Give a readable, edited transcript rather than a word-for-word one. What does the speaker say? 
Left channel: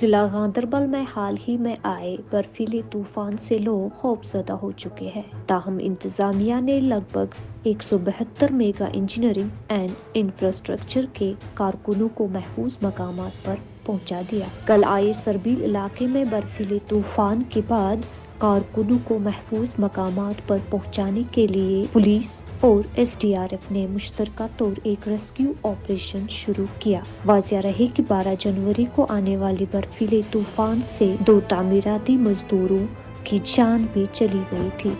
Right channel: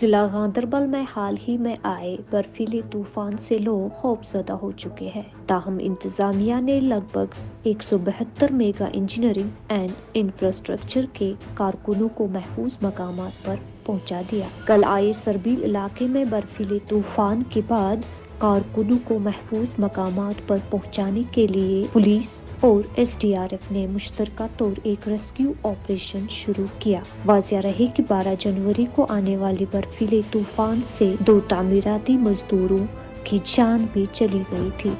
जिला गांदरबल में हाल ही में आए बर्फीले तूफान से लोग खौफजदा हो चुके हैं। ताहम इंतजामिया ने लगभग 172 मेगा इंजीनियरिंग एंड इंफ्रास्ट्रक्चर के कारकुनों को महफूज मकामात पर पहुंचा दिया। कल आए सरबील इलाके में बर्फीले तूफान के बाद कारकुनों को महफूज मकामात पर पहुंचाने के लिए पुलिस और SDRF ने मुश्तरका तौर एक रेस्क्यू ऑपरेशन शुरू किया। वाज़िया रहे कि 12 जनवरी को आने वाले बर्फीले तूफान से 2 तामीराती मजदूरों की जान भी चली गई थी।